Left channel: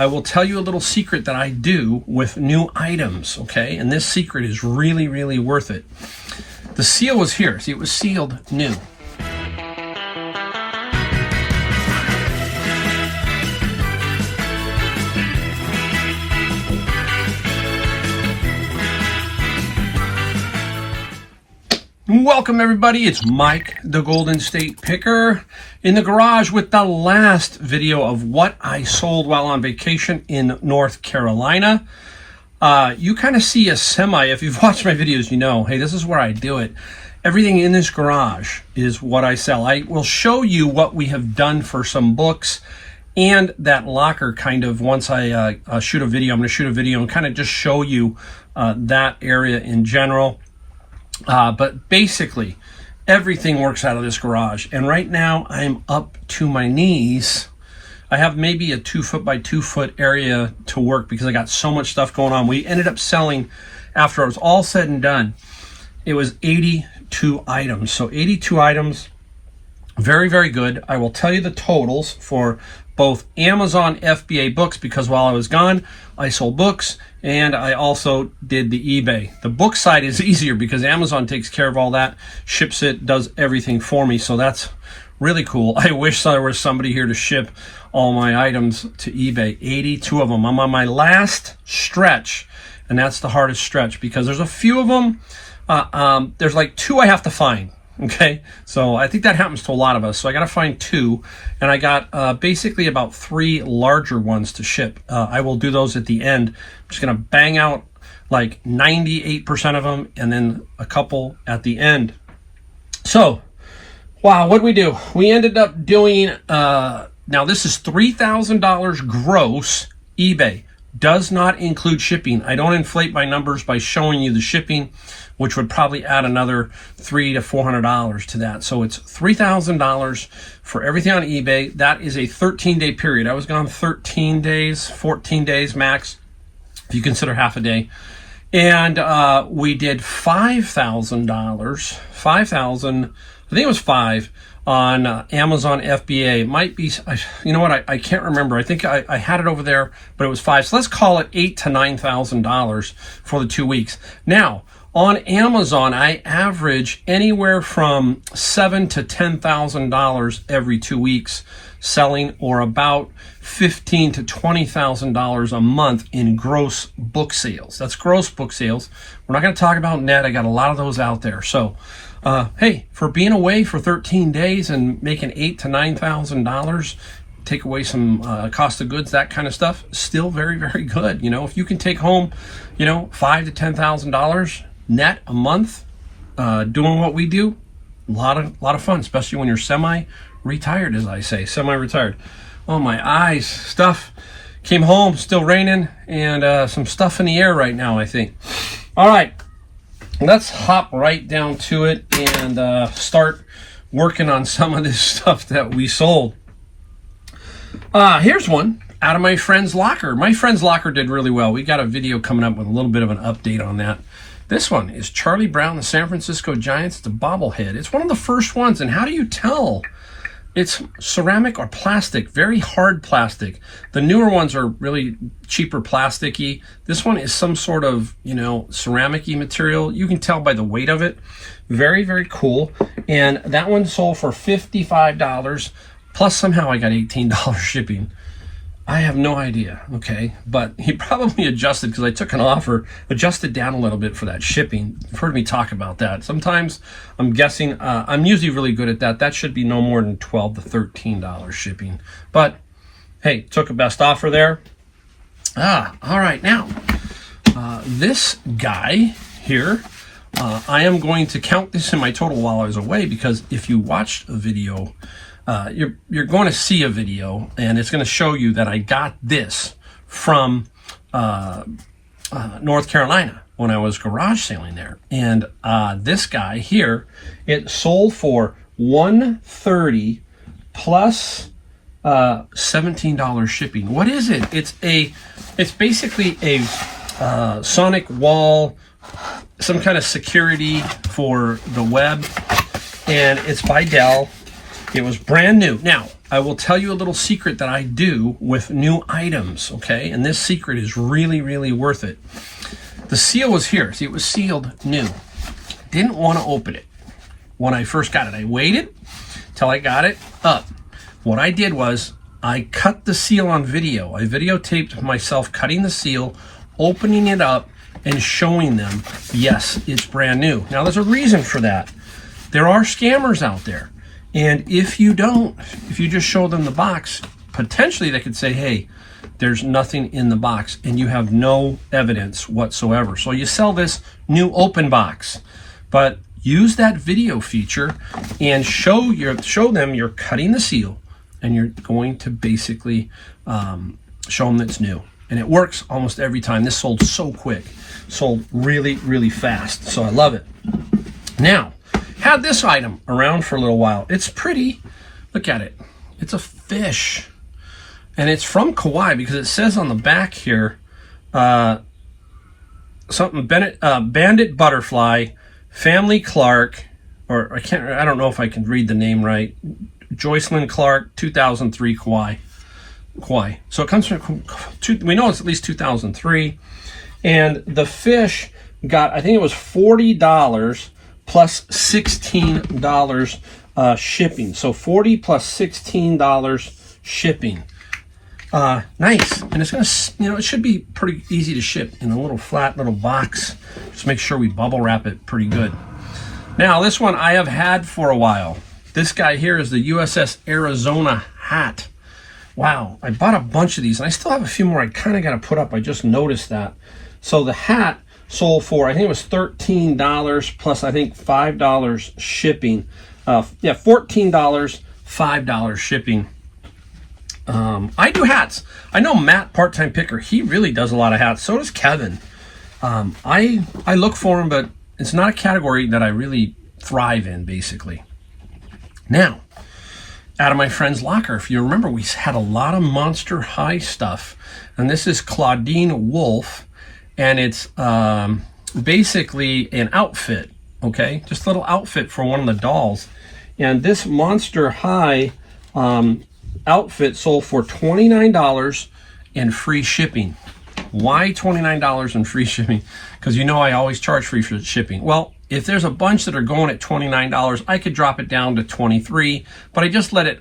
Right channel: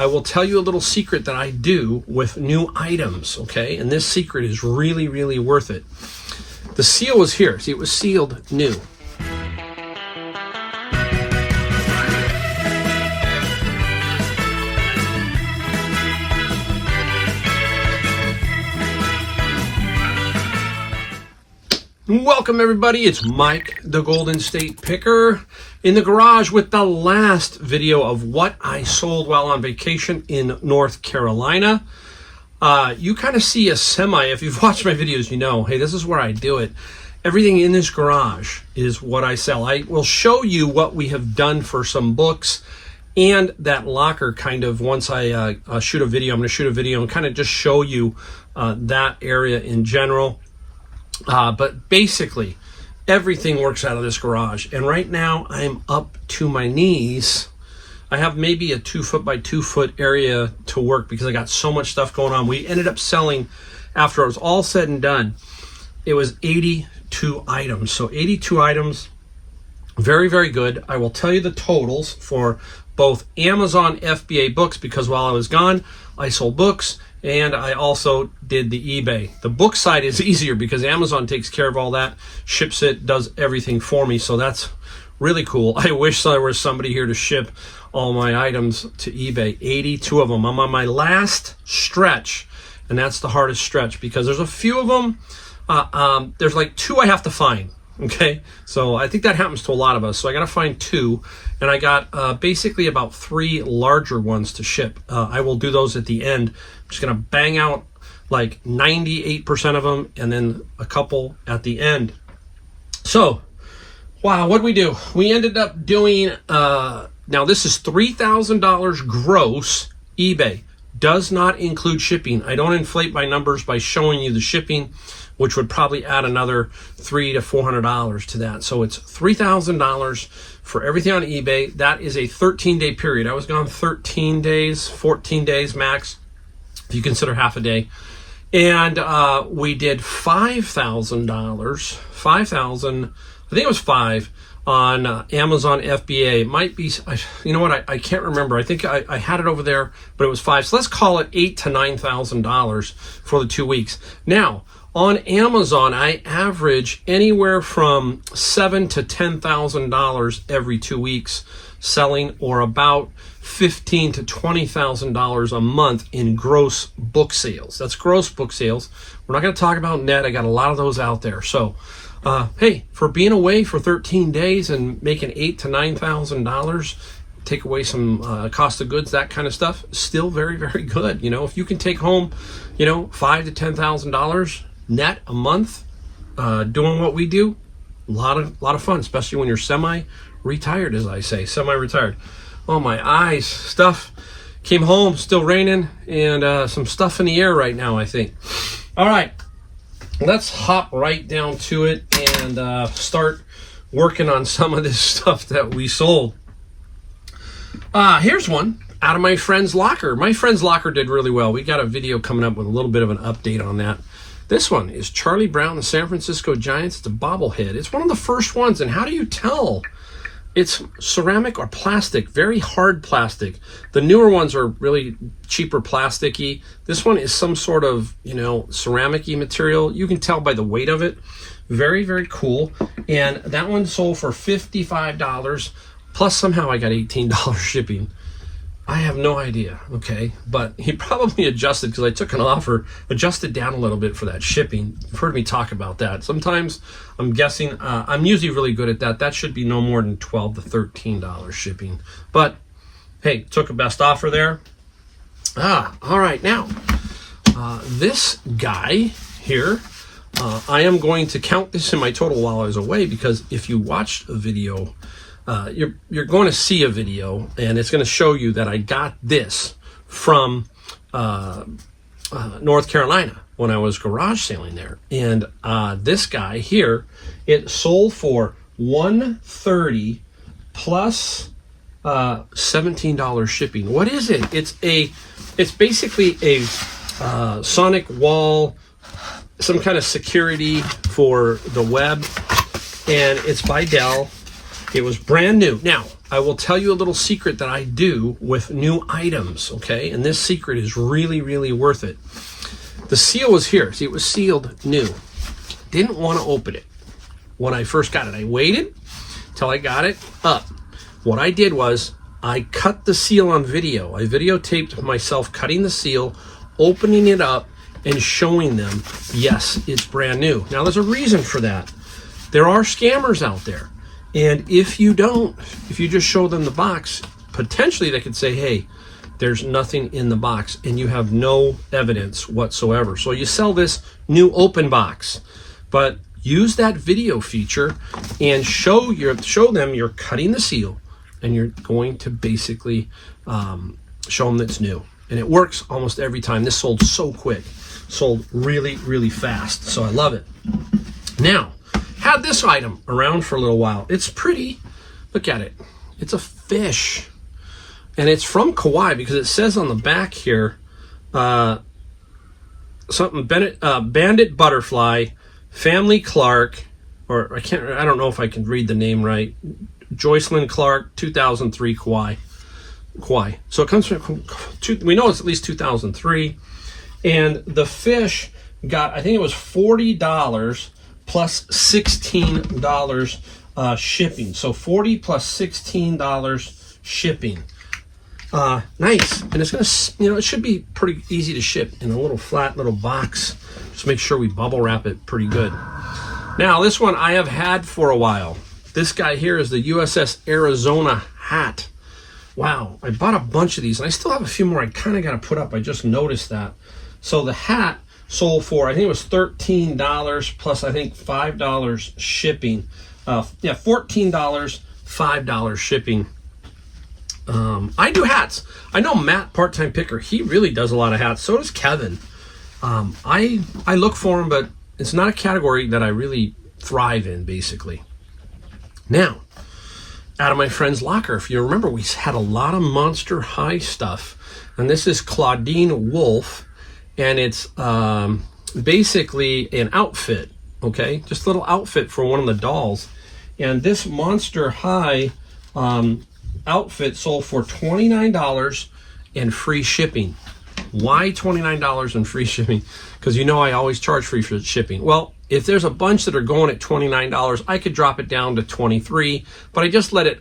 I will tell you a little secret that I do with new items, okay? And this secret is really, really worth it. The seal was here. See, it was sealed new. Welcome everybody, it's Mike the Golden State Picker in the garage with the last video of what I sold while on vacation in North Carolina. You kind of see a semi, if you've watched my videos, you know, hey, this is where I do it. Everything in this garage is what I sell. I will show you what we have done for some books and that locker kind of once I shoot a video. I'm going to shoot a video and kind of just show you that area in general. But basically, everything works out of this garage. And right now, I'm up to my knees. I have maybe a 2 foot by 2 foot area to work because I got so much stuff going on. We ended up selling, after it was all said and done, it was 82 items. So 82 items, very, very good. I will tell you the totals for both Amazon FBA books because while I was gone, I sold books. And I also did the eBay. The book side is easier because Amazon takes care of all that, ships it, does everything for me. So that's really cool. I wish there was somebody here to ship all my items to eBay. 82 of them. I'm on my last stretch, and that's the hardest stretch because there's a few of them. There's like 2 I have to find. Okay, so I think that happens to a lot of us. So I got to find 2, and I got basically about 3 larger ones to ship. I will do those at the end. I'm just going to bang out like 98% of them and then a couple at the end. So, wow, what did we do? We ended up doing, now this is $3,000 gross eBay. Does not include shipping. I don't inflate my numbers by showing you the shipping, which would probably add another $300 to $400 to that. So it's $3,000 for everything on eBay. That is a 13-day period. I was gone 13 days, 14 days max, if you consider half a day. And we did $5,000, I think it was 5 on Amazon FBA. It might be, you know what, I can't remember. I think I had it over there, but it was 5. So let's call it $8,000 to $9,000 for the 2 weeks. Now, on Amazon, I average anywhere from $7,000 to $10,000 every 2 weeks selling, or about $15,000 to $20,000 a month in gross book sales. That's gross book sales. We're not going to talk about net. I got a lot of those out there. So, hey, for being away for 13 days and making $8,000 to $9,000, take away some cost of goods, that kind of stuff, still very, very good. You know, if you can take home, you know, $5,000 to $10,000 net a month doing what we do, a lot of fun, especially when you're semi-retired, as I say, semi-retired. Oh, my eyes, stuff came home, still raining, and some stuff in the air right now, I think. All right, let's hop right down to it and start working on some of this stuff that we sold. Here's one out of my friend's locker. My friend's locker did really well. We got a video coming up with a little bit of an update on that. This one is Charlie Brown, the San Francisco Giants. It's a bobblehead. It's one of the first ones, and how do you tell? It's ceramic or plastic, very hard plastic. The newer ones are really cheaper plasticky. This one is some sort of, you know, ceramic-y material. You can tell by the weight of it. Very, very cool. And that one sold for $55, plus somehow I got $18 shipping. I have no idea, okay? But he probably adjusted because I took an offer, adjusted down a little bit for that shipping. You've heard me talk about that. Sometimes I'm guessing, I'm usually really good at that. That should be no more than $12 to $13 shipping. But hey, took a best offer there. All right, now, this guy here, I am going to count this in my total while I was away because if you watched a video, you're going to see a video and it's going to show you that I got this from North Carolina when I was garage sailing there. And this guy here, it sold for $130 plus $17 shipping. What is it? It's basically a sonic wall, some kind of security for the web, and it's by Dell. It was brand new. Now, I will tell you a little secret that I do with new items, okay? And this secret is really, really worth it. The seal was here. See, it was sealed new. Didn't want to open it when I first got it. I waited till I got it up. What I did was I cut the seal on video. I videotaped myself cutting the seal, opening it up, and showing them, yes, it's brand new. Now, there's a reason for that. There are scammers out there. And if you just show them the box, potentially they could say, hey, there's nothing in the box, and you have no evidence whatsoever. So you sell this new open box, but use that video feature and show them you're cutting the seal, and you're going to basically show them that it's new. And it works almost every time. This sold so quick, sold really, really fast. So I love it. Now, had this item around for a little while. It's pretty. Look at it. It's a fish. And it's from Kauai because it says on the back here, something Bandit Butterfly, Family Clark, or I don't know if I can read the name right. Joycelyn Clark, 2003 Kauai. So it comes from, we know it's at least 2003. And the fish got, I think it was $40 plus $16 shipping. So $40 plus $16 shipping. Nice. And it's gonna, it should be pretty easy to ship in a little flat little box. Just make sure we bubble wrap it pretty good. Now, this one I have had for a while. This guy here is the USS Arizona hat. Wow, I bought a bunch of these, and I still have a few more I kind of got to put up. I just noticed that. So the hat sold for, I think it was $13 plus, I think, $5 shipping. $14, $5 shipping. I do hats. I know Matt, Part-Time Picker, he really does a lot of hats. So does Kevin. I look for them, but it's not a category that I really thrive in, basically. Now, out of my friend's locker, if you remember, we had a lot of Monster High stuff. And this is Claudine Wolf, and it's basically an outfit, okay? Just a little outfit for one of the dolls. And this Monster High outfit sold for $29 and free shipping. Why $29 and free shipping? Because you know I always charge free for shipping. Well, if there's a bunch that are going at $29, I could drop it down to $23, but I just let it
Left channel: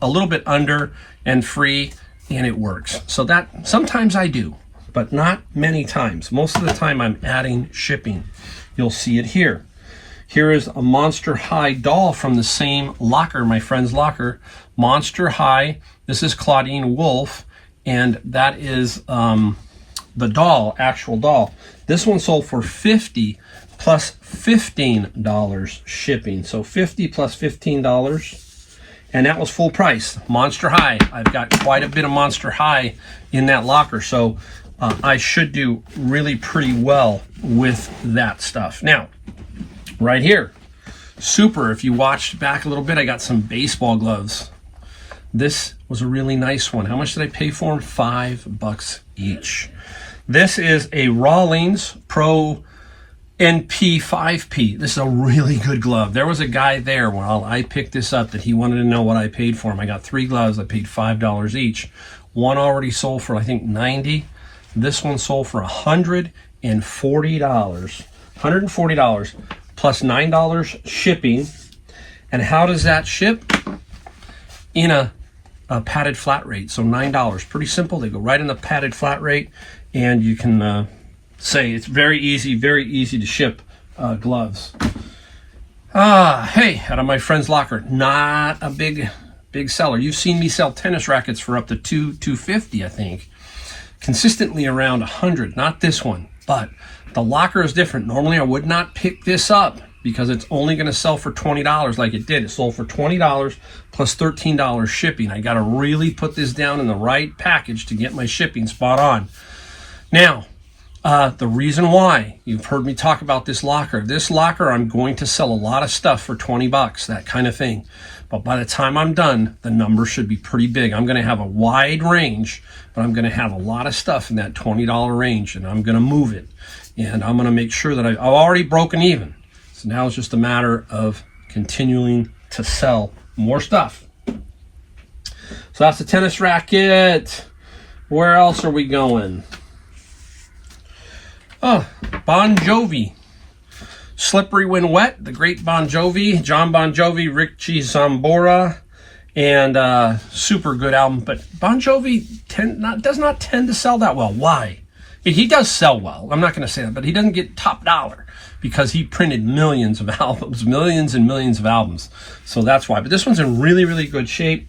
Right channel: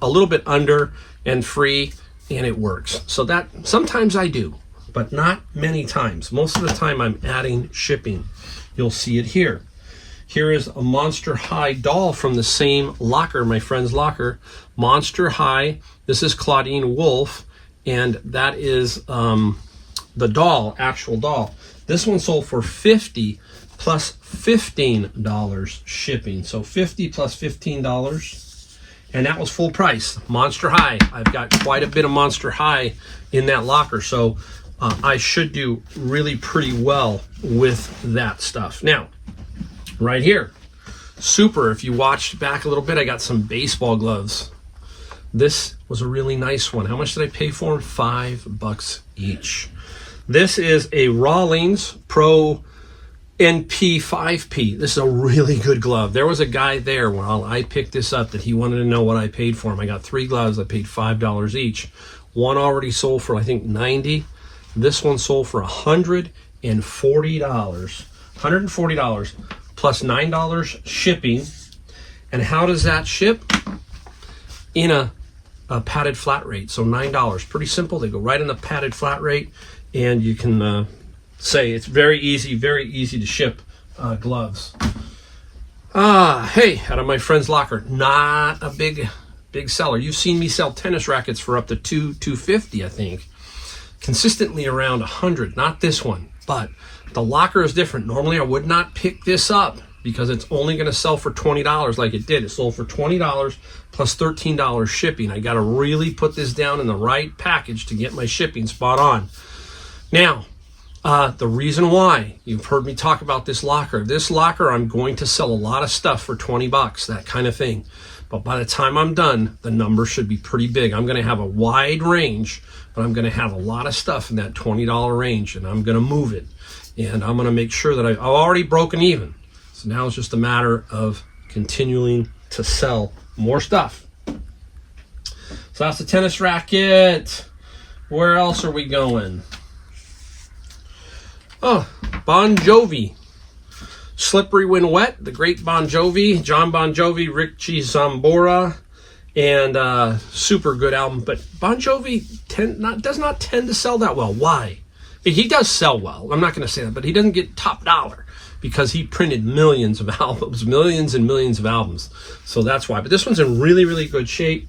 a little bit under and free, and it works. So that sometimes I do, but not many times. Most of the time I'm adding shipping. You'll see it here. Here is a Monster High doll from the same locker, my friend's locker. Monster High. This is Claudine Wolf, and that is the doll, actual doll. This one sold for $50 plus $15 shipping. So $50 plus $15, and that was full price. Monster High. I've got quite a bit of Monster High in that locker, so I should do really pretty well with that stuff. Now, right here, super. If you watched back a little bit, I got some baseball gloves. This was a really nice one. How much did I pay for them? $5 each. This is a Rawlings Pro NP5P. This is a really good glove. There was a guy there while I picked this up that he wanted to know what I paid for him. I got 3 gloves. I paid $5 each. One already sold for, I think, $90. This one sold for $140. $140 plus $9 shipping. And how does that ship? In a padded flat rate. So $9. Pretty simple. They go right in the padded flat rate, and you can say it's very easy to ship gloves. Hey, out of my friend's locker, not a big seller. You've seen me sell tennis rackets for up to $250, I think. Consistently around $100, not this one, but the locker is different. Normally I would not pick this up because it's only going to sell for $20 like it did. It sold for $20 plus $13 shipping. I got to really put this down in the right package to get my shipping spot on. Now, the reason why, you've heard me talk about this locker. This locker, I'm going to sell a lot of stuff for $20, that kind of thing. But by the time I'm done, the number should be pretty big. I'm going to have a wide range, but I'm going to have a lot of stuff in that $20 range, and I'm going to move it. And I'm going to make sure that I've already broken even. So now it's just a matter of continuing to sell more stuff. So that's the tennis racket. Where else are we going? Oh, Bon Jovi. Slippery When Wet, the great Bon Jovi. John Bon Jovi, Richie Sambora. And super good album. But Bon Jovi does not tend to sell that well. Why? He does sell well. I'm not going to say that. But he doesn't get top dollar because he printed millions of albums. Millions and millions of albums. So that's why. But this one's in really, really good shape.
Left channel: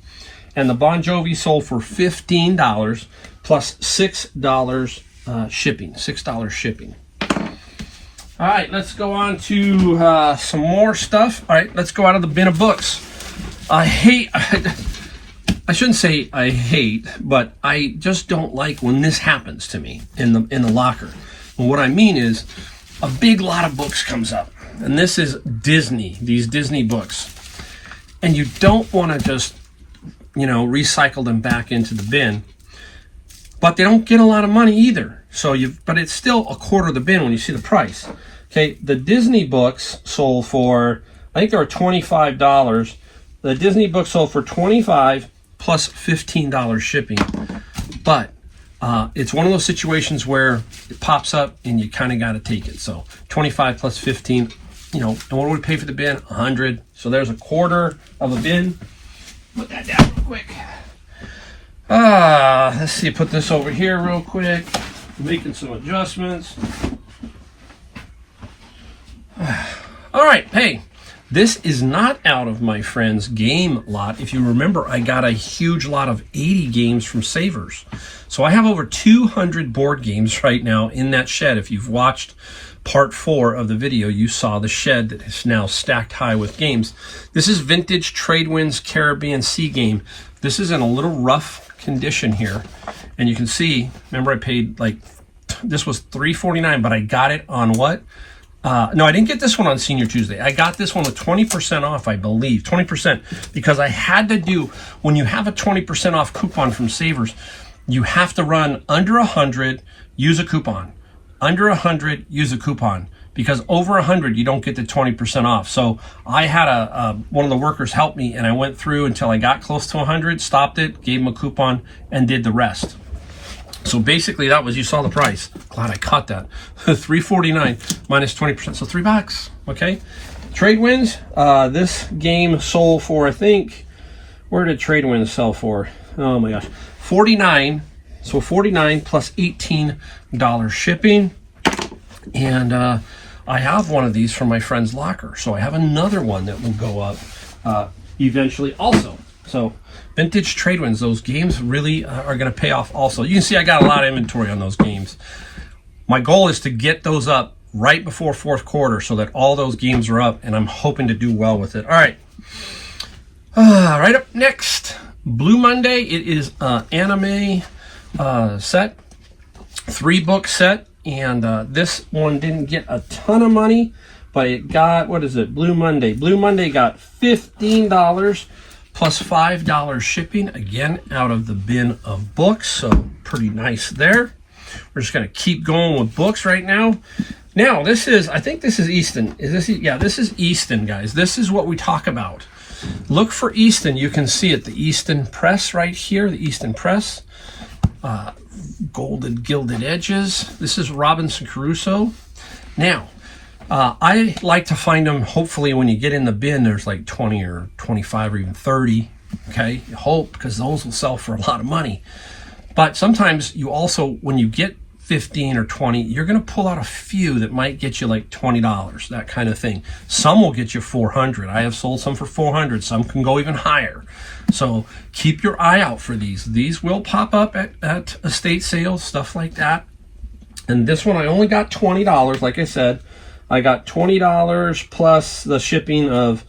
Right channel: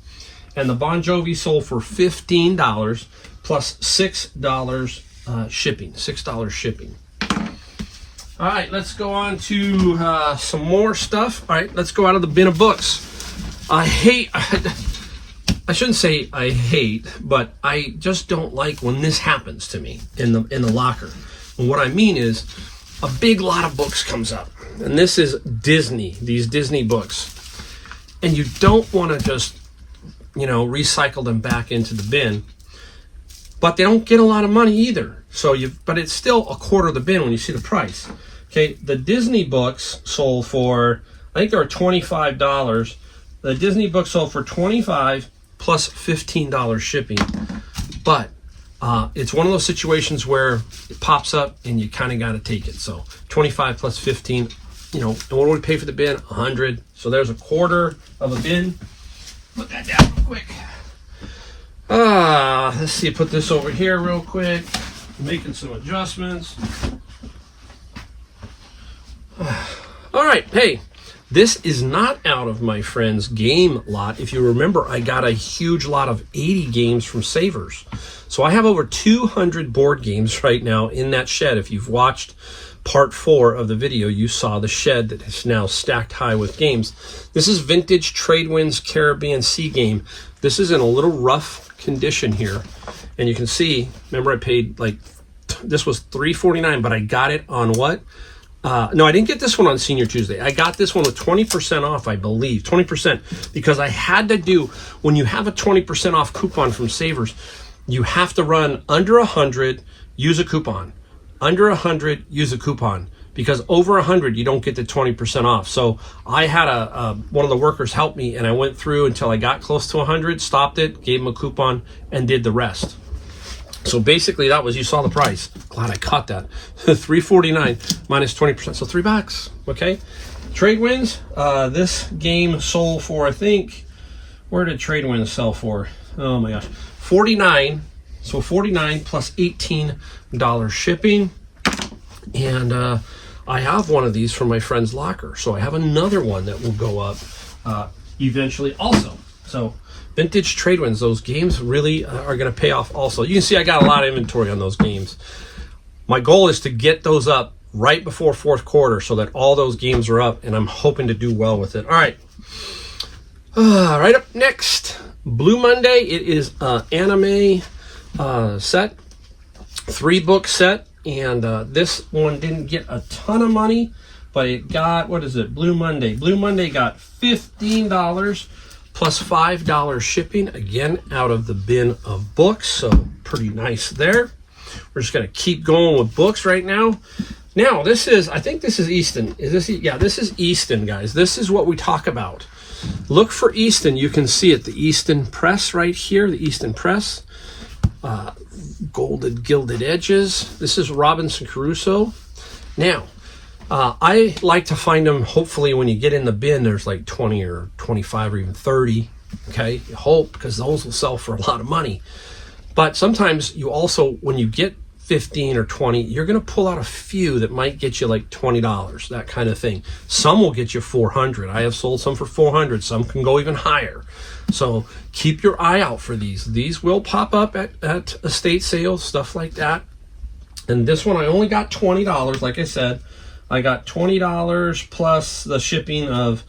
And the Bon Jovi sold for $15 plus $6 shipping. $6 shipping. All right, let's go on to some more stuff. All right, let's go out of the bin of books. I shouldn't say I hate, but I just don't like when this happens to me in the locker. And what I mean is a big lot of books comes up. And this is Disney, these Disney books. And you don't want to just recycle them back into the bin, but they don't get a lot of money either. But it's still a quarter of the bin when you see the price. Okay, the Disney books sold for, I think they were $25. The Disney books sold for $25 plus $15 shipping. But it's one of those situations where it pops up and you kind of got to take it. So 25 plus 15, and what do we pay for the bin? 100. So there's a quarter of a bin. Put that down real quick. Let's see, put this over here real quick. Making some adjustments. All right, hey, this is not out of my friend's game lot. If you remember, I got a huge lot of 80 games from Savers. So I have over 200 board games right now in that shed. If you've watched part 4 of the video, you saw the shed that is now stacked high with games. This is vintage Tradewinds Caribbean Sea Game. This is in a little rough condition here. And you can see, remember I paid this was $3.49, but I got it on what? No, I didn't get this one on Senior Tuesday. I got this one with 20% off, I believe. 20%, because I had to do, when you have a 20% off coupon from Savers, you have to run under 100, use a coupon. Under 100, use a coupon, because over 100, you don't get the 20% off. So I had one of the workers help me, and I went through until I got close to 100, stopped it, gave him a coupon, and did the rest. So basically, that was, you saw the price. Glad I caught that. $3.49 minus 20%, so $3. Okay. Tradewinds. This game sold for, I think, where did Tradewinds sell for? Oh my gosh, $49. So $49 plus $18 shipping. And I have one of these from my friend's locker. So I have another one that will go up eventually also. So vintage Tradewinds, those games really are going to pay off also. You can see I got a lot of inventory on those games. My goal is to get those up right before fourth quarter so that all those games are up, and I'm hoping to do well with it. All right. Right up next, Blue Monday. It is an anime set, 3-book set, and this one didn't get a ton of money, but it got, what is it, Blue Monday. Blue Monday got $15 plus $5 shipping, again, out of the bin of books, so pretty nice there. We're just going to keep going with books right now. Now, this is, I think this is Easton. Is this, yeah, this is Easton, guys. This is what we talk about. Look for Easton. You can see it, the Easton Press right here, the Easton Press. Golded gilded edges. This is Robinson Crusoe. Now, I like to find them, hopefully when you get in the bin, there's like 20 or 25 or even 30. Okay, you hope, because those will sell for a lot of money. But sometimes you also, when you get 15 or 20, you're going to pull out a few that might get you like $20, that kind of thing. Some will get you 400. I have sold some for 400. Some can go even higher. So keep your eye out for these. These will pop up at estate sales, stuff like that. And this one, I only got $20. Like I said, I got $20 plus the shipping of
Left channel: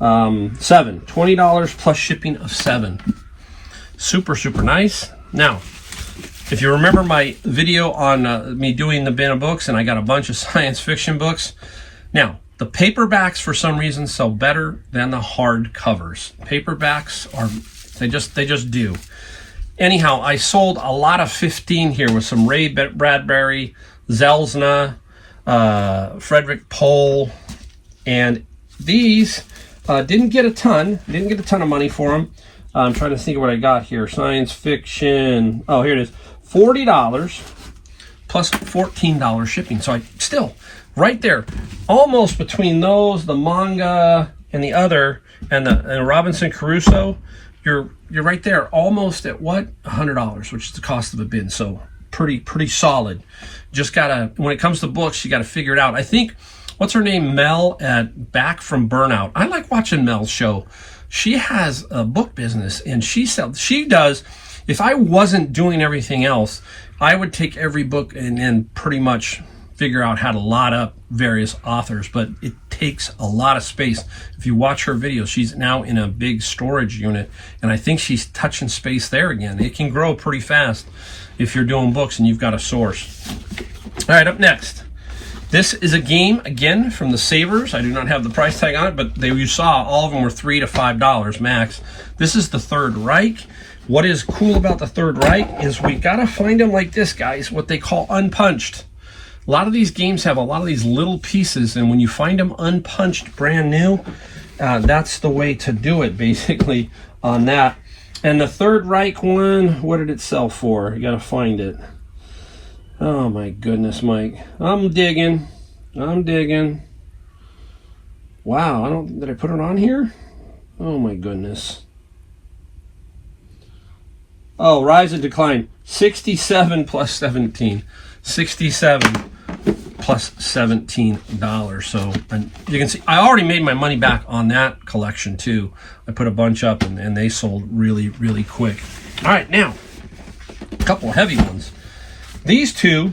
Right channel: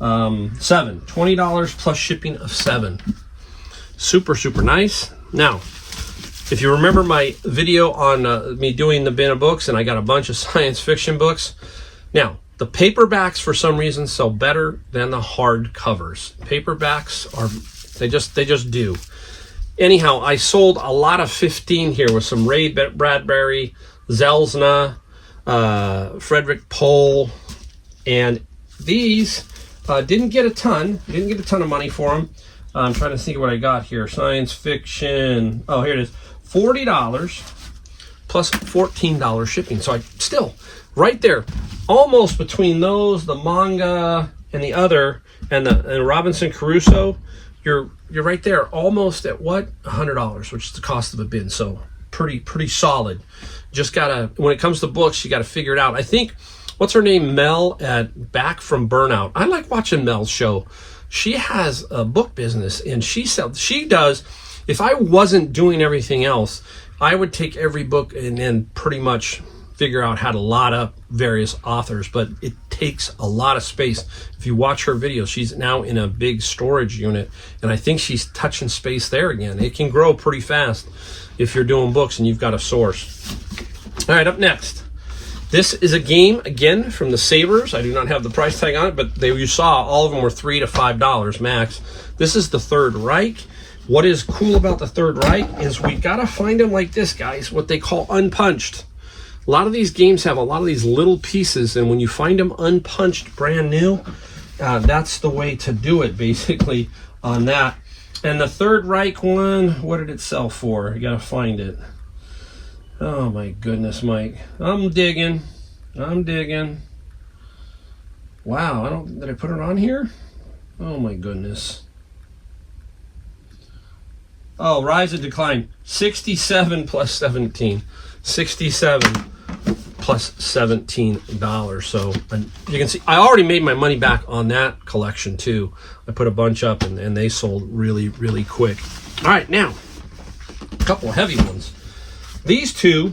$7. $20 plus shipping of $7. Super, super nice. Now, if you remember my video on me doing the bin of books, and I got a bunch of science fiction books. Now, the paperbacks for some reason sell better than the hard covers. Paperbacks are, they just do. Anyhow, I sold a lot of 15 here with some Ray Bradbury, Zelzna, Frederick Pohl, and these didn't get a ton of money for them. I'm trying to think of what I got here. Science fiction. Oh, here it is. $40 plus $14 shipping. So I still, right there, almost between those, the manga and the other, and the Robinson Crusoe, you're right there, almost at what? $100, which is the cost of a bin. So pretty solid. Just gotta, when it comes to books, you gotta figure it out. I think, what's her name, Mel at Back from Burnout. I like watching Mel's show. She has a book business, and she does. If I wasn't doing everything else, I would take every book and then pretty much figure out how to lot up various authors, but it takes a lot of space. If you watch her videos, she's now in a big storage unit, and I think she's touching space there again. It can grow pretty fast if you're doing books and you've got a source. All right, up next. This is a game, again, from the Savers. I do not have the price tag on it, but you saw all of them were $3 to $5 max. This is the Third Reich. What is cool about the Third Reich is we gotta find them like this, guys, what they call unpunched. A lot of these games have a lot of these little pieces, and when you find them unpunched, brand new, that's the way to do it, basically, on that. And the Third Reich one, what did it sell for? You gotta find it. Oh my goodness, Mike. I'm digging. Wow, did I put it on here? Oh my goodness. Oh, Rise and Decline. 67 plus 17. 67 plus $17. So you can see I already made my money back on that collection too. I put a bunch up and they sold really quick. All right, now a couple of heavy ones. These two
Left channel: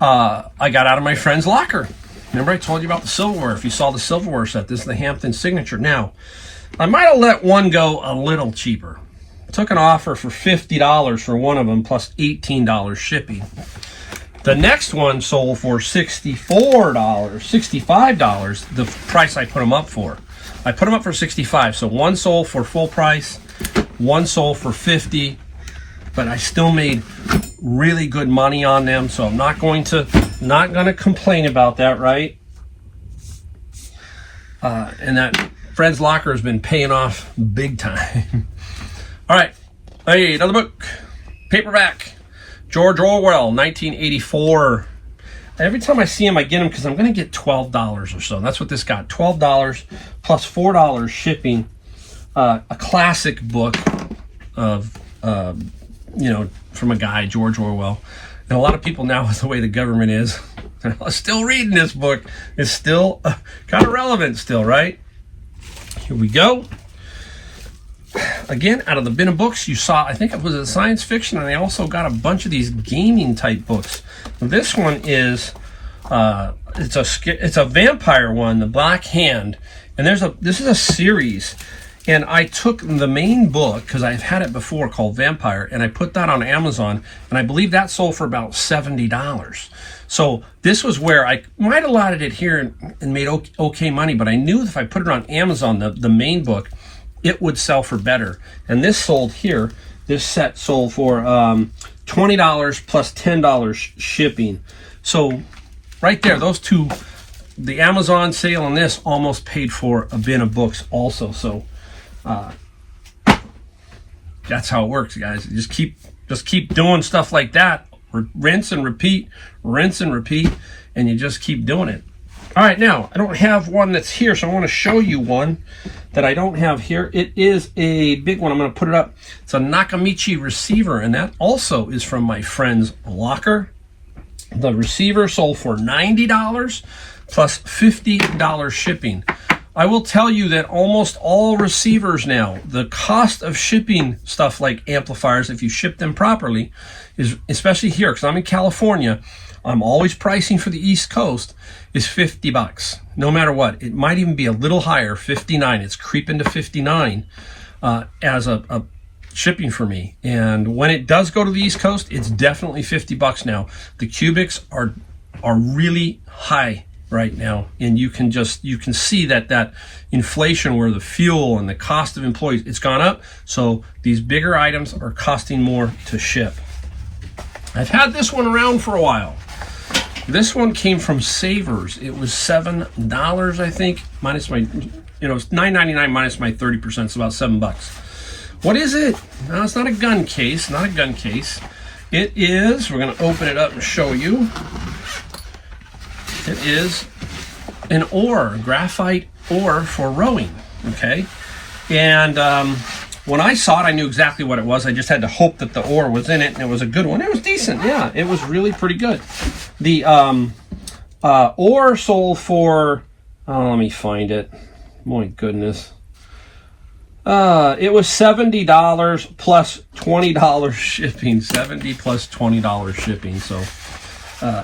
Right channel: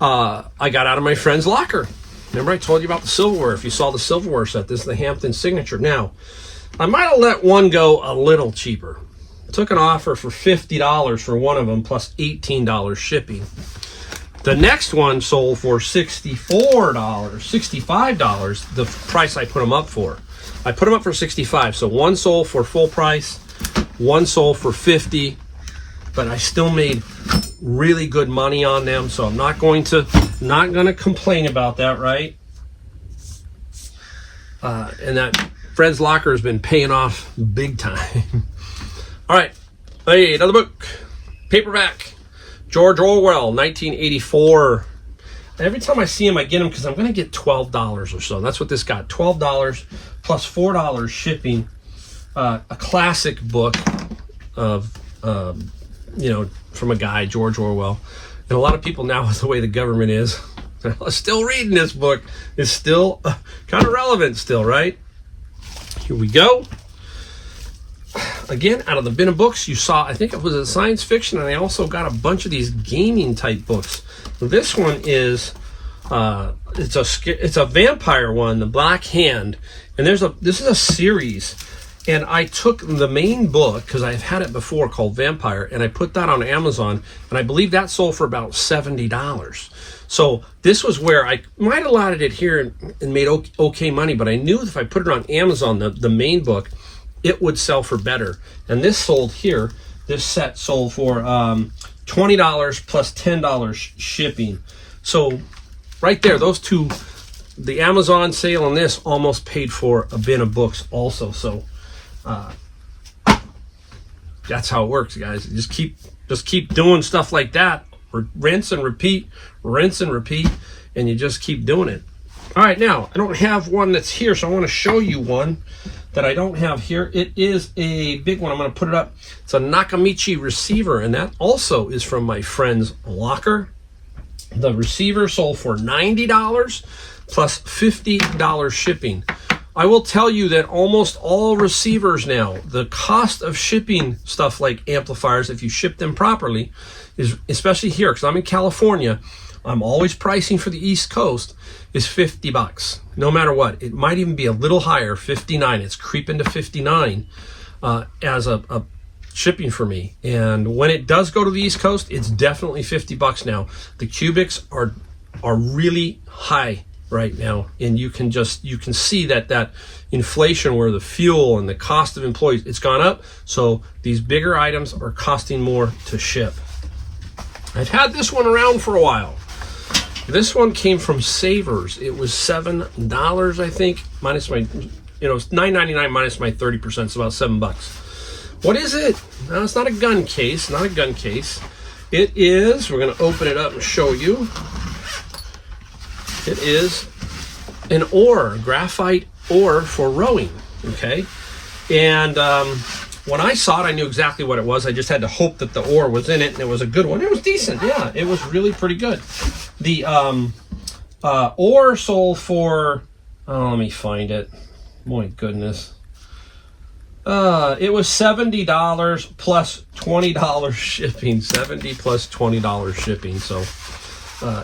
I got out of my friend's locker. Remember I told you about the silverware? If you saw the silverware set, this is the Hampton Signature. Now, I might have let one go a little cheaper. Took an offer for $50 for one of them plus $18 shipping. The next one sold for $65, the price I put them up for. I put them up for $65, so one sold for full price, one sold for $50, but I still made really good money on them, so I'm not going to complain about that, right? And that Fred's Locker has been paying off big time. All right, hey, another book, paperback. George Orwell, 1984. Every time I see him, I get him because I'm going to get $12 or so. That's what this got, $12 plus $4 shipping. A classic book of, from a guy, George Orwell. And a lot of people now, with the way the government is, they're still reading this book. It's still kind of relevant still, right? Here we go. Again, out of the bin of books, you saw, I think it was a science fiction, and I also got a bunch of these gaming type books. This one is, it's a vampire one, The Black Hand, and this is a series, and I took the main book, because I've had it before, called Vampire, and I put that on Amazon, and I believe that sold for about $70. So this was where I might have allotted it here and made okay money, but I knew if I put it on Amazon, the main book, it would sell for better. And this sold here, this set sold for $20 plus $10 shipping. So right there, those two, the Amazon sale and this almost paid for a bin of books also. So that's how it works, guys. You just keep doing stuff like that. Rinse and repeat, and you just keep doing it. All right, now, I don't have one that's here, so I want to show you one that I don't have here. It is a big one. I'm going to put it up. It's a Nakamichi receiver, and that also is from my friend's locker. The receiver sold for $90 plus $50 shipping. I will tell you that almost all receivers now, the cost of shipping stuff like amplifiers, if you ship them properly, is, especially here, because I'm in California, I'm always pricing for the East Coast, is $50. No matter what. It might even be a little higher, 59. It's creeping to 59 as a shipping for me. And when it does go to the East Coast, it's definitely $50 now. The cubics are really high right now, and you can see that inflation where the fuel and the cost of employees, it's gone up. So these bigger items are costing more to ship. I've had this one around for a while. This one came from Savers. It was $7, I think, minus my, it's $9.99 minus my 30%, so about $7. What is it? No, it's not a gun case, not a gun case. It is, we're gonna open it up and show you. It is an oar, graphite oar for rowing, okay? And when I saw it, I knew exactly what it was. I just had to hope that the oar was in it, and it was a good one. It was decent, yeah. It was really pretty good. The oar sold for, let me find it. My goodness. It was $70 plus $20 shipping. $70 plus $20 shipping. So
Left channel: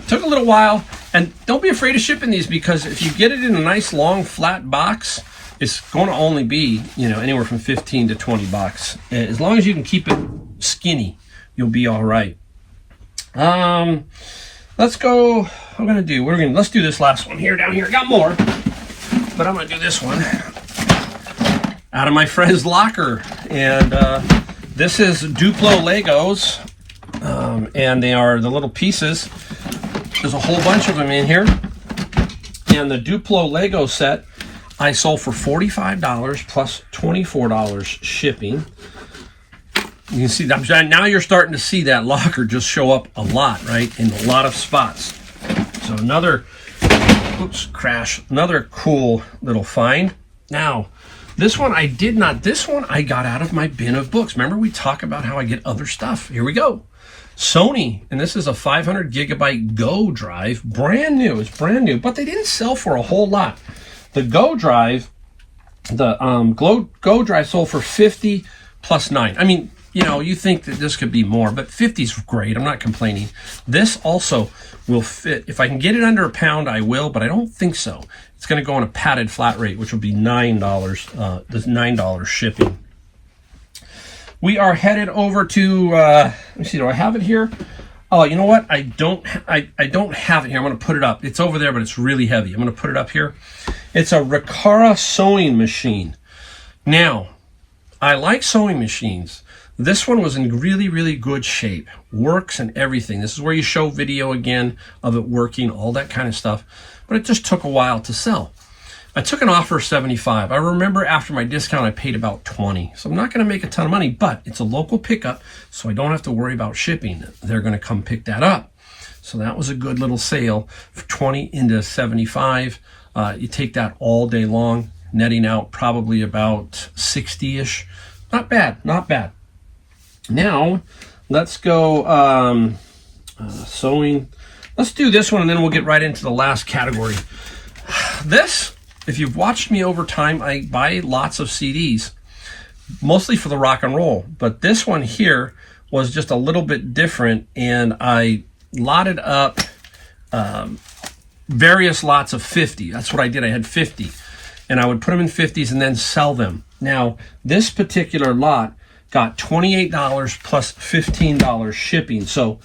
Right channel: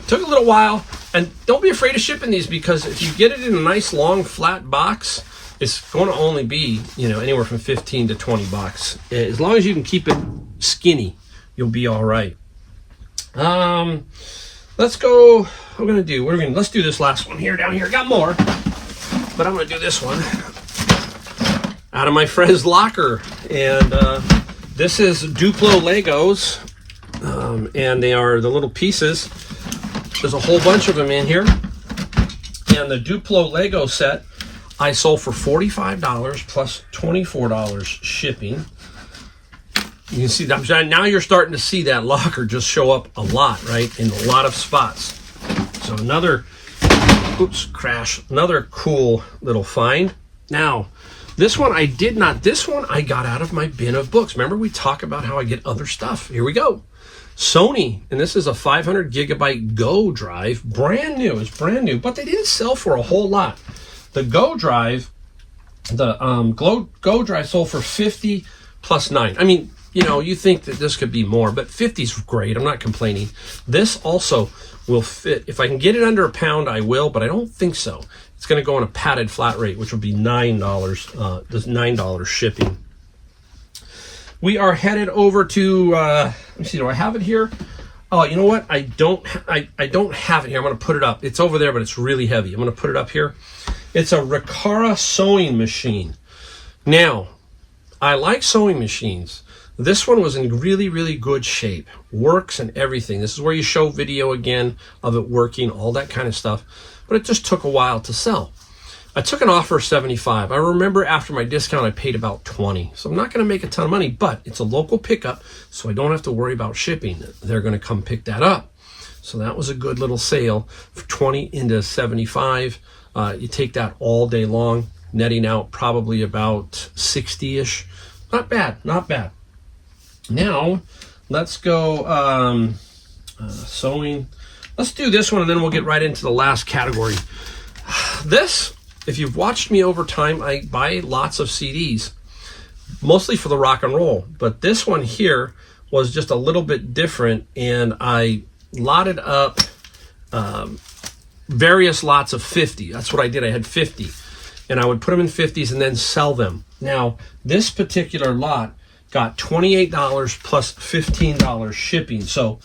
took a little while. And don't be afraid of shipping these, because if you get it in a nice long flat box, it's going to only be, you know, anywhere from 15 to 20 bucks. As long as you can keep it skinny, you'll be all right. Let's go. Let's do this last one here down here. Got more, but I'm gonna do this one out of my friend's locker. And this is Duplo Legos, and they are the little pieces. There's a whole bunch of them in here. And the Duplo Lego set I sold for $45 plus $24 shipping. You can see that now you're starting to see that locker just show up a lot, right? In a lot of spots. So another cool little find. Now, this one I got out of my bin of books. Remember, we talk about how I get other stuff. Here we go. Sony, and this is a 500 gigabyte Go drive, brand new. It's brand new, but they didn't sell for a whole lot. The Go drive, Go drive sold for $50 plus $9. I mean, you know, you think that this could be more, but 50 is great. I'm not complaining. This also will fit. If I can get it under a pound, I will, but I don't think so. It's going to go on a padded flat rate, which would be $9. There's $9 shipping. We are headed over to. Let me see. Do I have it here? Oh, you know what? I don't have it here. I'm going to put it up. It's over there, but it's really heavy. I'm going to put it up here. It's a Ricara sewing machine. Now, I like sewing machines. This one was in really, really good shape. Works and everything. This is where you show video again of it working, all that kind of stuff. But it just took a while to sell. I took an offer of $75. I remember after my discount, I paid about $20. So I'm not going to make a ton of money, but it's a local pickup, so I don't have to worry about shipping. They're going to come pick that up. So that was a good little sale for $20 into $75. You take that all day long, netting out probably about 60-ish. Not bad, not bad. Now, let's go sewing. Let's do this one, and then we'll get right into the last category. This, if you've watched me over time, I buy lots of CDs, mostly for the rock and roll. But this one here was just a little bit different, and I lotted up various lots of 50. That's what I did. I had 50, and I would put them in 50s and then sell them. Now, this particular lot got $28 plus $15 shipping. So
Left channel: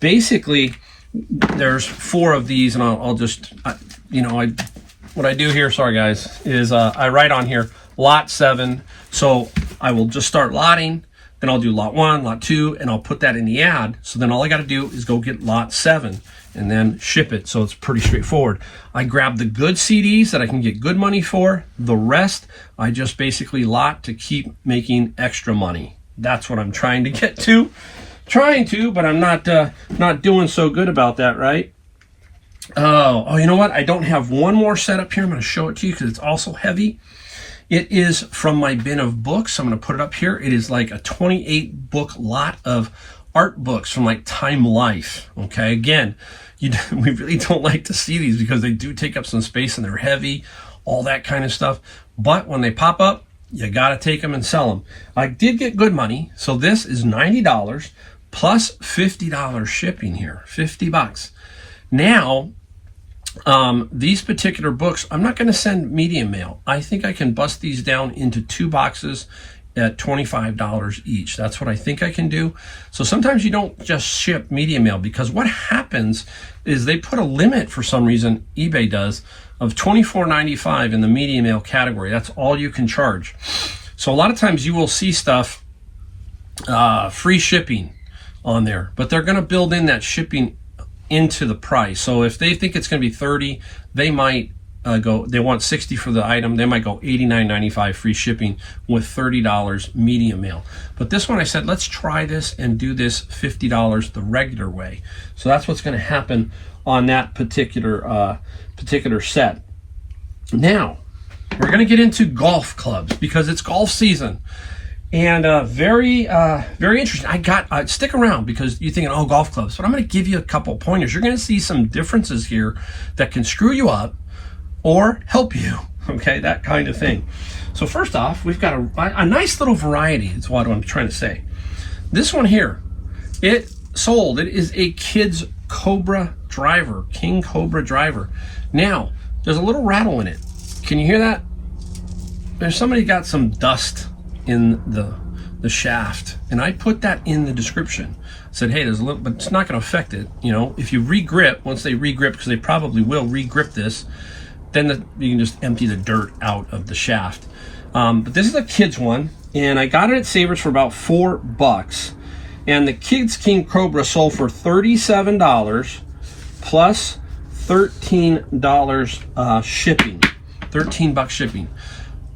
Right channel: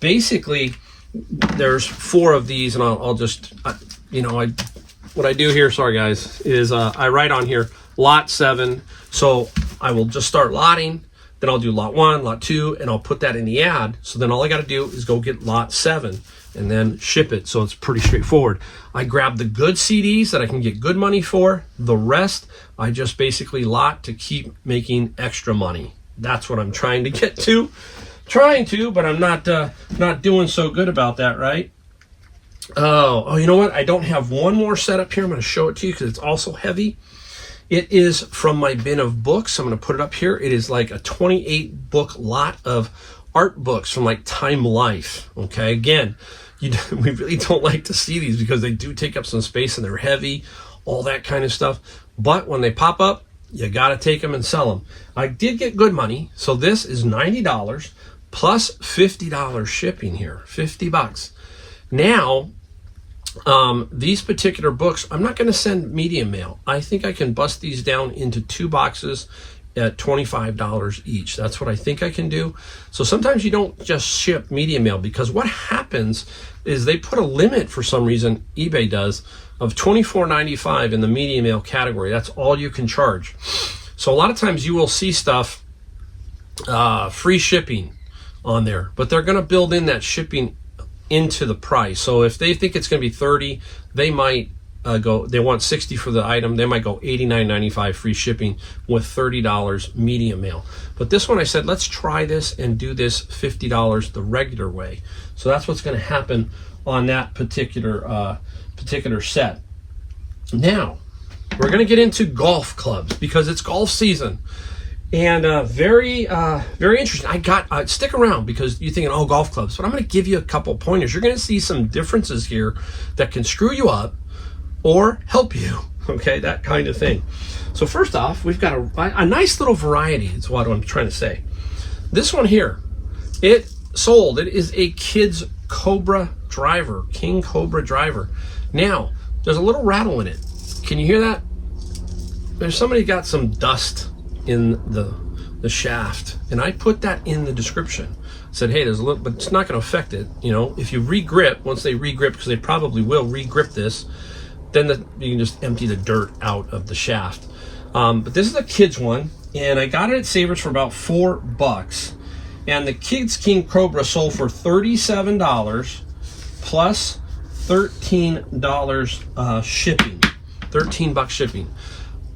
basically, there's 4 of these, and I'll just, what I do here, sorry guys, is I write on here lot 7. So I will just start lotting, then I'll do lot 1, lot 2, and I'll put that in the ad. So then all I got to do is go get lot 7 and then ship it. So it's pretty straightforward. I grab the good CDs that I can get good money for. The rest, I just basically lot to keep making extra money. That's what I'm trying to get to. But I'm not doing so good about that, right? Oh, you know what? I don't have one more set up here. I'm going to show it to you because it's also heavy. It is from my bin of books. I'm going to put it up here. It is like a 28 book lot of art books from like Time Life. Okay, again, we really don't like to see these because they do take up some space and they're heavy, all that kind of stuff. But when they pop up, you got to take them and sell them. I did get good money. So this is $90 plus $50 shipping here, 50 bucks. Now, these particular books, I'm not going to send medium mail. I think I can bust these down into 2 boxes at $25 each. That's what I think I can do. So sometimes you don't just ship medium mail, because what happens is they put a limit for some reason, eBay does, of $24.95 in the medium mail category. That's all you can charge. So a lot of times you will see stuff, free shipping on there, but they're going to build in that shipping into the price. So if they think it's going to be $30, they might go, they want 60 for the item, they might go $89.95 free shipping with $30 medium mail. But this one I said, let's try this and do this $50 the regular way. So that's what's going to happen on that particular set. Now, we're going to get into golf clubs because it's golf season. And very interesting. Stick around because you're thinking, oh, golf clubs. But I'm going to give you a couple pointers. You're going to see some differences here that can screw you up or help you. Okay, that kind of thing. So first off, we've got a nice little variety. Is what I'm trying to say. This one here, it is a Kids Cobra driver, King Cobra driver. Now, there's a little rattle in it. Can you hear that? There's somebody got some dust in the shaft, and I put that in the description. I said, hey, there's a little, but it's not going to affect it. You know, if you re-grip, once they re-grip, because they probably will re-grip this, then you can just empty the dirt out of the shaft. But this is a kids one, and I got it at Savers for about $4. And the Kids King Cobra sold for $37 plus $13 shipping. $13 shipping.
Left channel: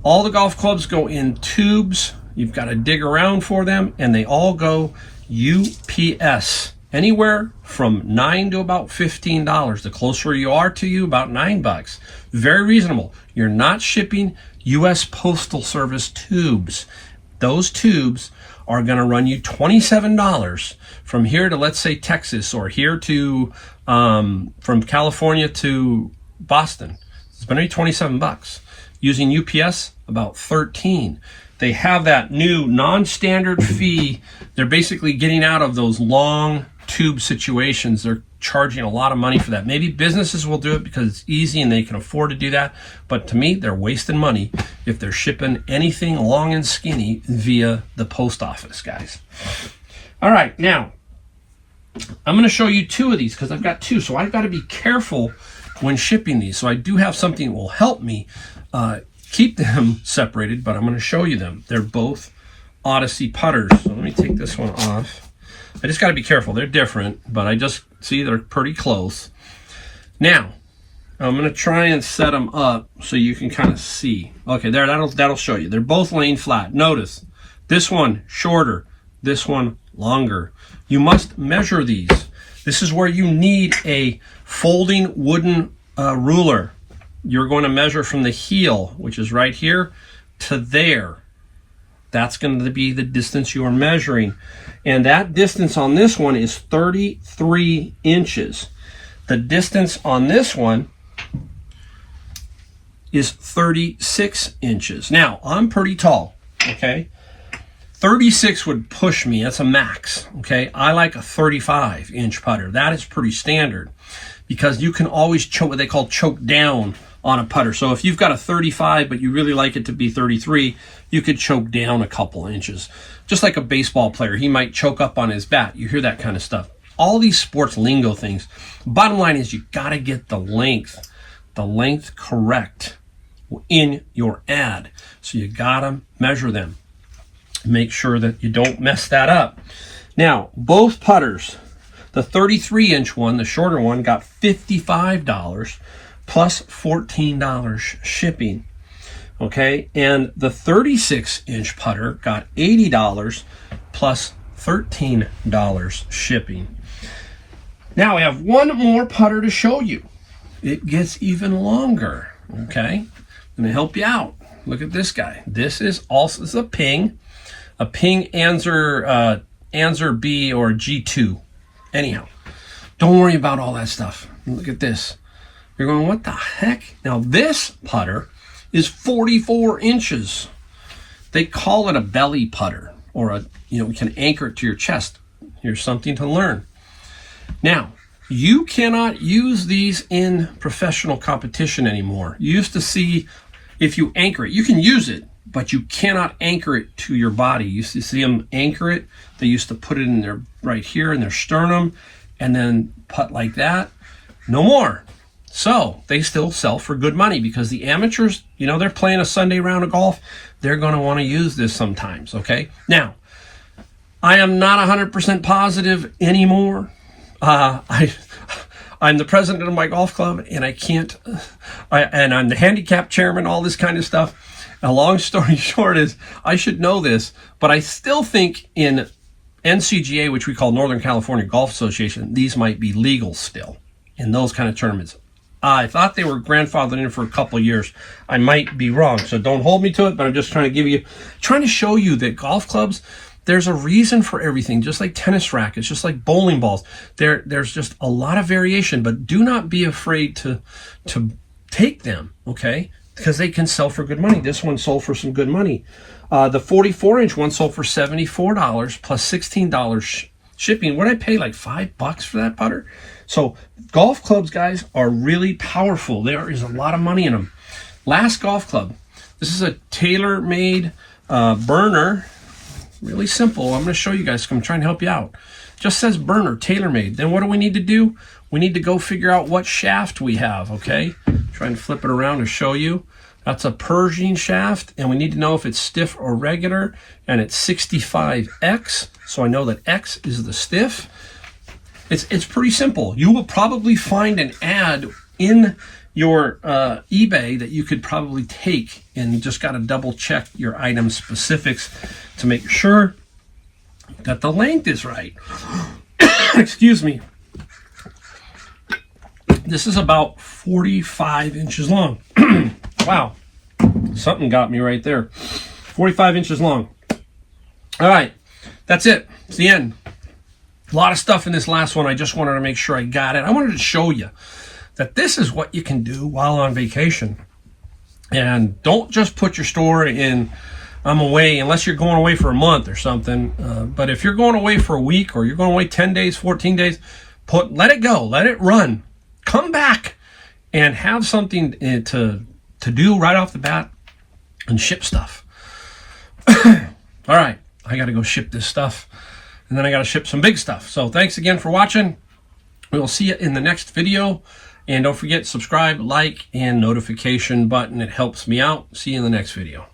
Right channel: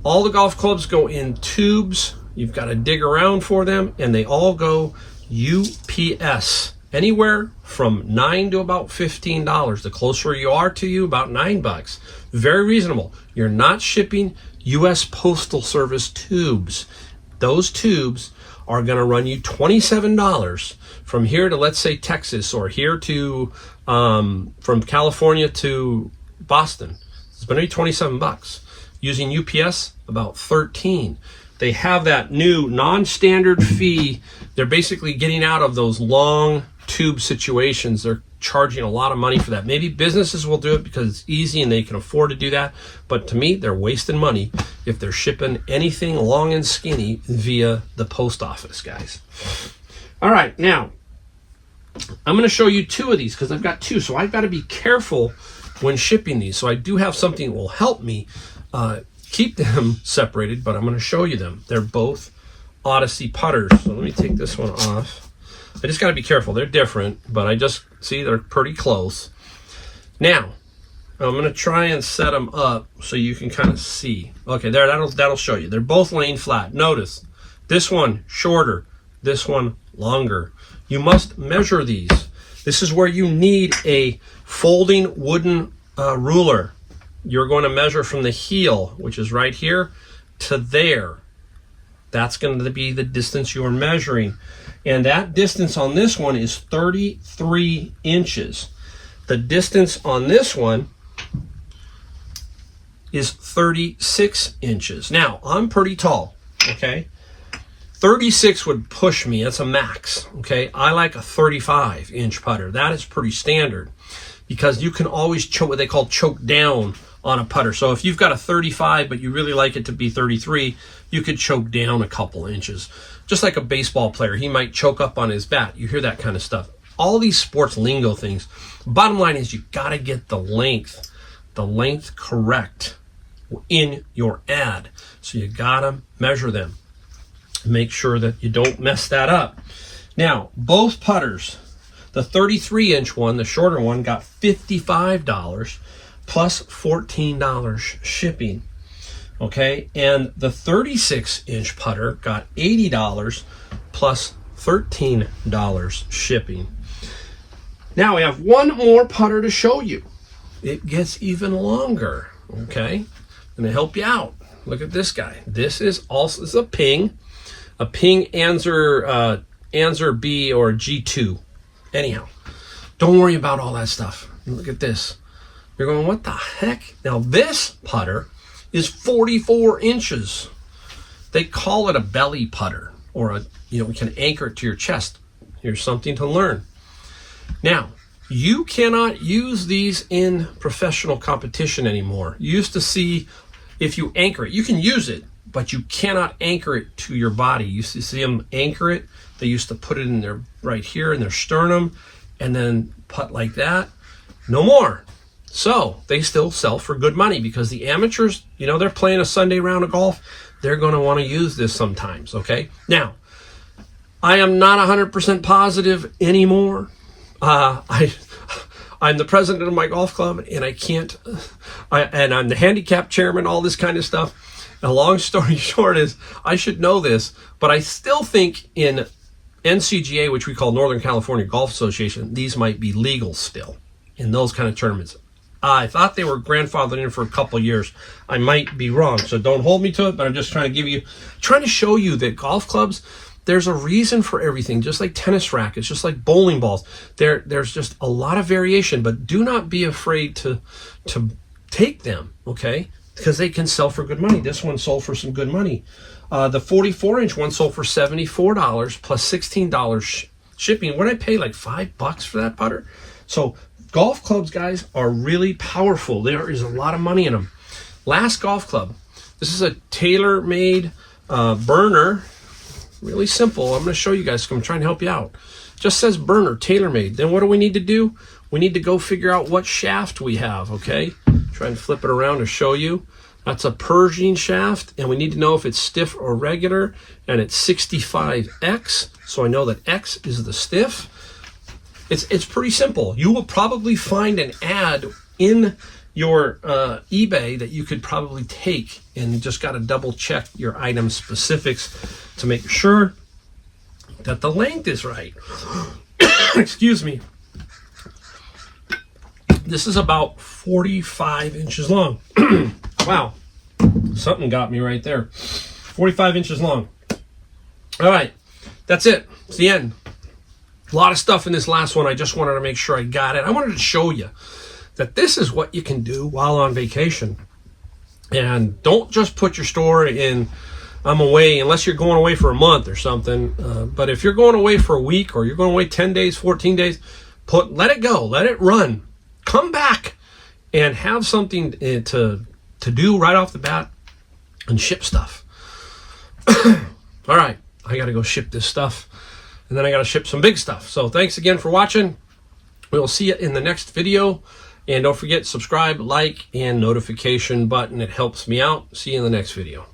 All the golf clubs go in tubes. You've got to dig around for them, and they all go UPS. Anywhere from $9 to about $15. The closer you are to you, about $9. Very reasonable. You're not shipping U.S. Postal Service tubes. Those tubes are going to run you $27 from here to, let's say, Texas, or here to from California to Boston. It's going to be $27. Using UPS, about $13. They have that new non-standard fee. They're basically getting out of those long tube situations. They're charging a lot of money for that. Maybe businesses will do it because it's easy and they can afford to do that. But to me, they're wasting money if they're shipping anything long and skinny via the post office, guys. All right, now, I'm going to show you two of these because I've got two. So I've got to be careful when shipping these. So I do have something that will help me keep them separated, but I'm going to show you them. They're both Odyssey putters. So let me take this one off. I just got to be careful. They're different, but I just see they're pretty close. Now, I'm going to try and set them up so you can kind of see. Okay, there, that'll show you. They're both laying flat. Notice, this one shorter, this one longer. You must measure these. This is where you need a folding wooden ruler. You're going to measure from the heel, which is right here, to there. That's going to be the distance you are measuring. And that distance on this one is 33 inches. The distance on this one is 36 inches. Now, I'm pretty tall, okay? 36 would push me. That's a max, okay? I like a 35-inch putter. That is pretty standard because you can always choke, what they call choke down on a putter. So if you've got a 35, but you really like it to be 33, you could choke down a couple inches. Just like a baseball player, he might choke up on his bat. You hear that kind of stuff. All these sports lingo things. Bottom line is you got to get the length correct in your ad. So you got to measure them. Make sure that you don't mess that up. Now, both putters, the 33-inch one, the shorter one, got $55 plus $14 shipping. Okay, and the 36-inch putter got $80 plus $13 shipping. Now I have one more putter to show you. It gets even longer. Okay, I'm gonna help you out. Look at this guy. This is a Ping Anser B or G2. Anyhow, don't worry about all that stuff. Look at this. You're going, what the heck? Now this putter is 44 inches. They call it a belly putter, or you can anchor it to your chest. Here's something to learn. Now, you cannot use these in professional competition anymore. You used to see if you anchor it, you can use it, but you cannot anchor it to your body. You used to see them anchor it. They used to put it in their right here in their sternum and then putt like that. No more. So they still sell for good money because the amateurs, they're playing a Sunday round of golf. They're going to want to use this sometimes, okay? Now, I am not 100% positive anymore. I'm the president of my golf club, and I can't and I'm the handicap chairman, all this kind of stuff. A long story short is, I should know this, but I still think in NCGA, which we call Northern California Golf Association, these might be legal still in those kind of tournaments. I thought they were grandfathered in for a couple of years. I might be wrong, so don't hold me to it, but I'm just trying to show you that golf clubs, there's a reason for everything, just like tennis rackets, just like bowling balls. There's just a lot of variation, but do not be afraid to take them, okay? Because they can sell for good money. This one sold for some good money. The 44-inch one sold for $74 plus $16 shipping. What did I pay, like $5 for that putter? So golf clubs, guys, are really powerful. There is a lot of money in them. Last golf club. This is a tailor-made burner. Really simple. I'm going to show you guys. I'm trying to help you out. Just says burner, tailor-made. Then what do we need to do? We need to go figure out what shaft we have, okay? Trying to flip it around to show you. That's a Pershing shaft, and we need to know if it's stiff or regular, and it's 65X, so I know that X is the stiff. It's pretty simple. You will probably find an ad in your eBay that you could probably take, and you just got to double check your item specifics to make sure that the length is right. Excuse me. This is about 45 inches long. Wow, something got me right there. 45 inches long. All right, that's it. It's the end. A lot of stuff in this last one. I just wanted to make sure I got it. I wanted to show you that this is what you can do while on vacation. And don't just put your store in, I'm away, unless you're going away for a month or something. But if you're going away for a week, or you're going away 10 days, 14 days, let it go, let it run. Come back and have something to do right off the bat and ship stuff. All right, I got to go ship this stuff, and then I got to ship some big stuff. So thanks again for watching. We will see you in the next video. And don't forget, subscribe, like, and notification button. It helps me out. See you in the next video.